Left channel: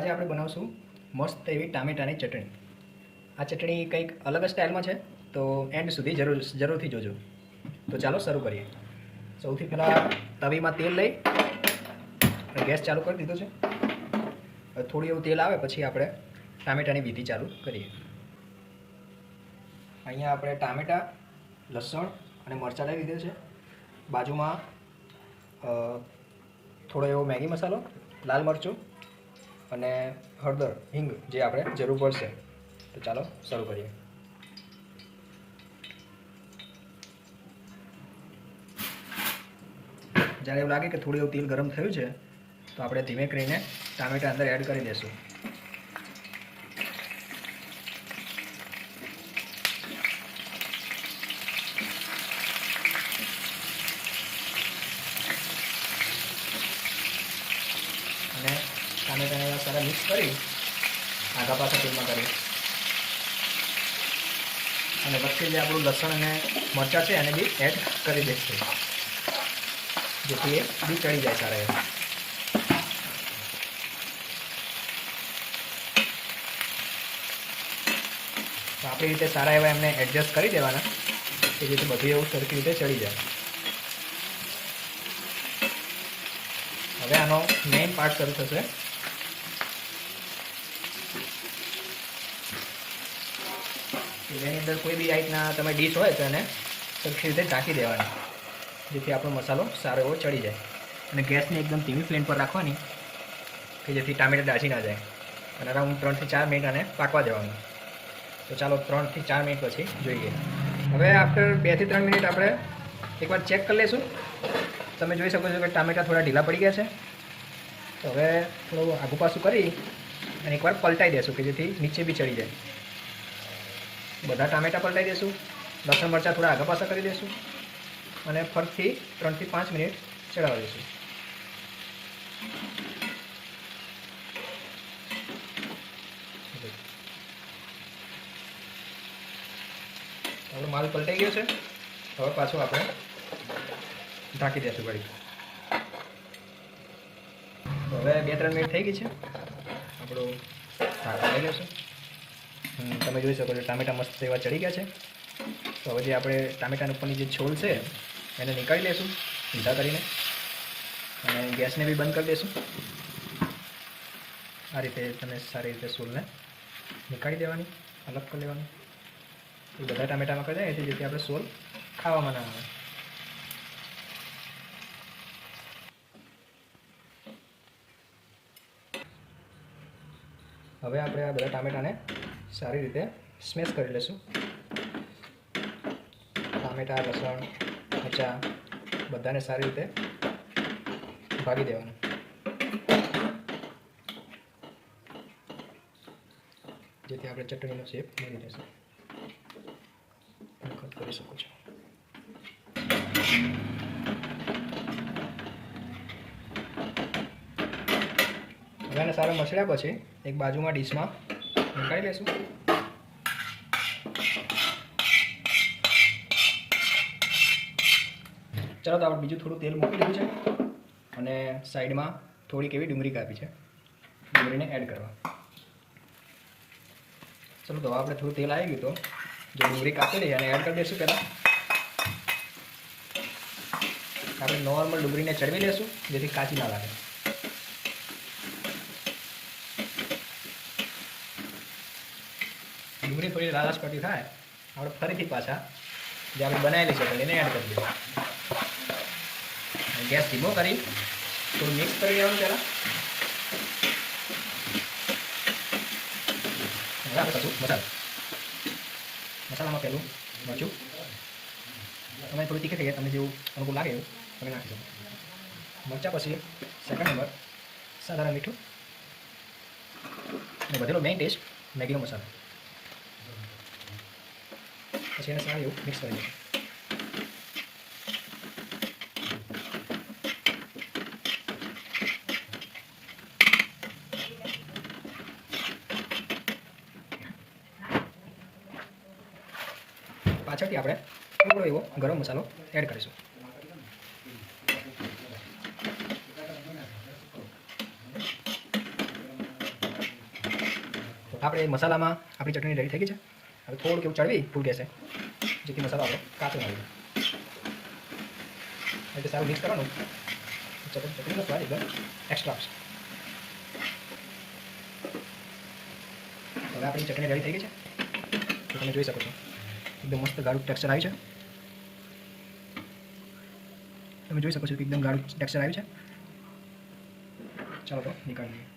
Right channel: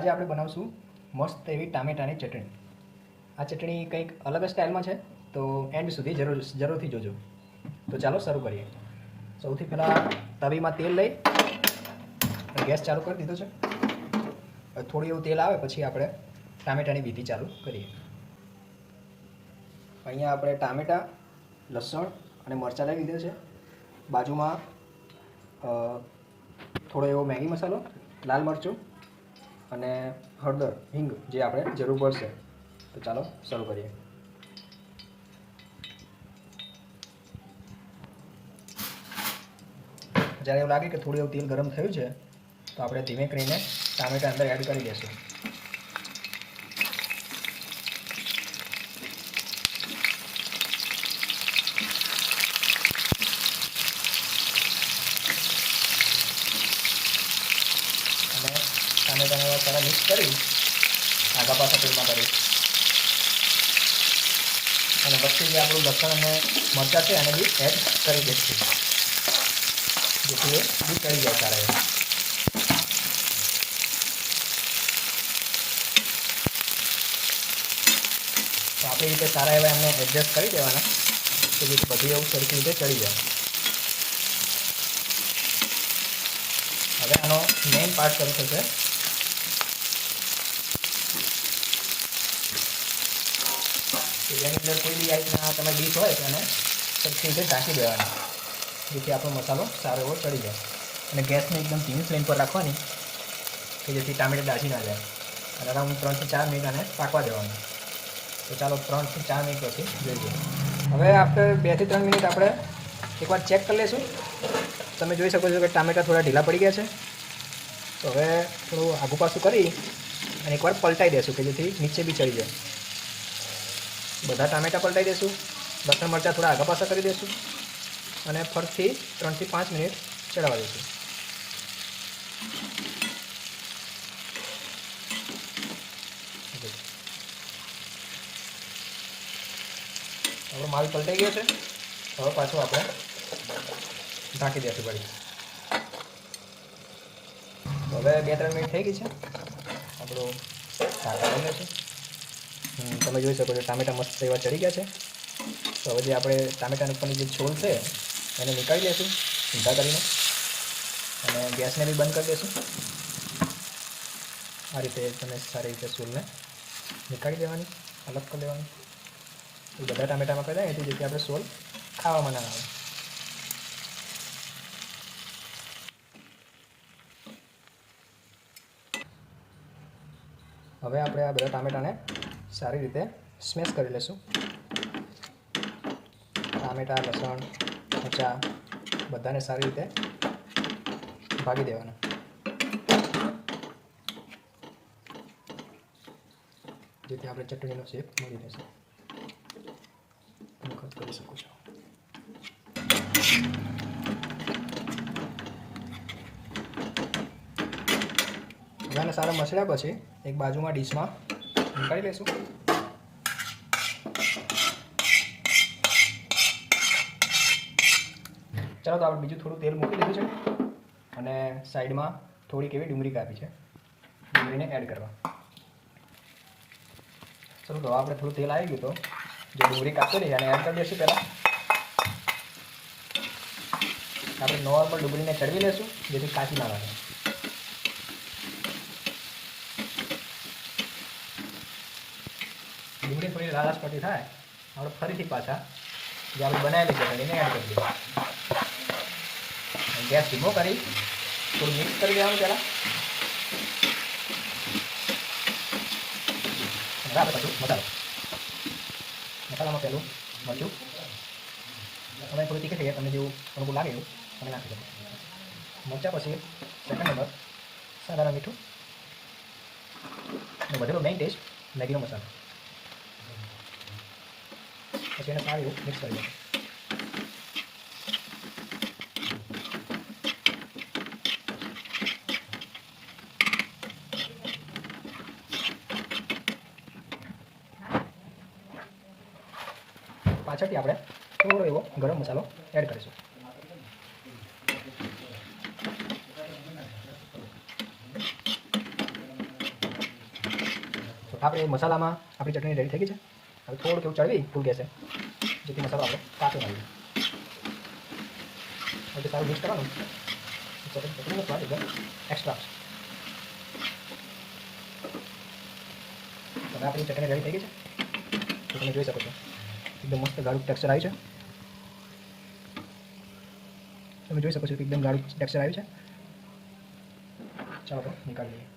આજે આપણે બનાવશું મસ્ત એવી ટામેટાની ચટણી. આ ચટણી કંઈક અલગ સ્ટાઇલમાં છે, તો એન્ડ સુધી જરૂરથી જોજો. તો ચાલો શરૂ કરીએ. સૌથી પહેલાં તવીમાં તેલ લઈ ગેસ ચાલુ કરી દીધો છે. થોડું એવું તેલ આવે પછી આપણે ટામેટાની વિધિ ચાલુ કરીએ. અહીંયા આપણે ટામેટાં, લસણ અને મરચાં લઈ લીધું છે. બાજુમાં થોડો એવો મેગી મસાલો, લાલ મરચું અને હળદર, હિંગ જે આપણે જરૂર પડશે. તો ચાલો શરૂ કરીએ. જ્યારે એવું લાગે કે થોડું એવું તેલ ગરમ થયું છે તો આપણે ધીમે કરીને ટામેટાં અંદર એડ કરી દઈશું. અને ટામેટાને સારા મિક્સ કરી આઘા પાછા તેલમાં કરી અને વચ્ચે જે આપણું લસણ અને મરચાં છે એને બી એડ કરી દઈશું, જેથી એ બી ચડી જાય સારા એવા. તો આપણી રીતે સારા એવા એમને એડજસ્ટ કરી દેવાના કે જેથી બધી એવું સરખી રીતે ચડી જાય. હવે આનો મેઇન પાર્ટ શરૂ થશે. જેની અંદર કોઈ બી આઈટના તમે ડીશ હોય તો એને સરખી રીતે ઢાંકી દેવાના, જેથી આપણો મસાલો સારો એવો ચડી જાય. અને ગેસને એકદમ ધીમી ફ્લેમ પર રાખવાની કે જેથી ટામેટાં ડાજી ના જાય. અને અરાઉન્ડ 3 થી 4 મિનિટ આને પાકવા દેવાનું. તો ચાલો 3 થી 4 મિનિટ પછી જોઈએ. હવે આફ્ટર 2 થી 3 મિનિટ આપણે એકવાર ચેક કરી લઈશું. તમે જોઈ શકો છો કે ટામેટાં થોડા ઢીલા પડી ગયા છે. તો હવે થોડું આઘું પાછું કરી અને એકવાર પલટાઈ દઈશું કે જેથી નીચે બી ચડી જાય. બધા ટામેટાં પલટાઈ દઈશું, લસણ મરચાં થોડા આઘા પાછા કરી દઈશું અને ફરીથી 3 થી 5 મિનિટ ચડાવવા દઈશું. આપણો માલ પલટાઈ ગયો છે. હવે પાછો આપણે ઢાંકી દઈશું વળી. હવે 2-3 મિનિટ થઈ ગઈ છે. આપણું ઢાંકા લઈ લઈશું. તમે જોઈ શકો છો ટામેટાં મસ્ત એવા ચડી ગયા છે. તો હવે જે આપણે ટામેટાની ઉપરની જે છોલ છે એને નીકાળી લઈશું સીધા કરીને, અને ગેસને બી બંધ કરી દઈશું. આ રીતે તમે સારી રીતે છોલને નીકાળી દેવાની, અલગ કરી લેવાની. એ બધા ટામેટામાં કરી જાય જેથી આપણે છોલ ખાવામાં ના આવે. હવે આપણે આ બધા ટામેટાને સારી રીતે સ્મેશ કરી લઈશું. ટામેટાં, લસણ, મરચાં બધાને સારી રીતે ભાગી દેવાના, જેથી આપણે ચટણીનો શેપ મળી રહેશે. કરી શકો છો. બધાને સારા મસળ્યા પછી એક બાજુમાં ડીશમાં નીકાળી લઈશું. ચાલો તો આપણે બીજું થોડું તેલ મૂકી દીધું છે અને સાઈડમાં થોડીક એવી ડુંગળી કાપી છે, ડુંગળીને એડ કરવા. ચલો તો આપણે થોડું તેલ આવી ગયું તો જે ડુંગળી કાપેલી એને એડ કરી દઈશું. પહેલાં આપણે નોર્મલ ડુંગળીને ચડવી લઈશું જેથી કાચી ના લાગે. ડુંગળી થોડી લાલાશ પડતી થાય આપણે ફરીથી પાછા જે આપણે બનાવેલી છે એને એડ કરી દઈશું. ગેસ ધીમો કરી થોડું મિક્સ કરી દેવાનું. પહેલાં બધું મસાલામાં પહેલું મરચું, તમે થોડી તીખી થઈ તમને જેવું અનુકૂળ લાગે એવું તમે નાખી દો. મરચાં પછી સેકન્ડ નંબર સાધારણ મીઠું અને બધેલો મેઇન ટેસ્ટ મેગીનો મસાલો. પછી એને સારું એવું મિક્સ કરી દો. પાછળથી આપણે થોડો એવો ગરમ મસાલો એડ કરીશું. આપણે મસાલામાં આપણી ચટણી રેડી થઈ ગઈ છે. હવે થોડુંક એવું ચડવી ફૂલ ગેસે, જેથી મસાલો આપણે કાપી નાખીએ. એટલે સારું મિક્સ કરવાનું. ચટણીનો સ્વાદ એકદમ એક્સ્ટ્રા આવશે. હવે આપણી ચટણી રેડી થઈ ગઈ છે. તો તમે જોઈ શકો છો એકદમ મસ્ત ગાઢું ટેક્સચર આવ્યું છે. તમે જોઈ શકો છો કે એકદમ ગાઢું ટેક્સચર આવ્યું છે. ચાલો તો નીકાળી લઈએ.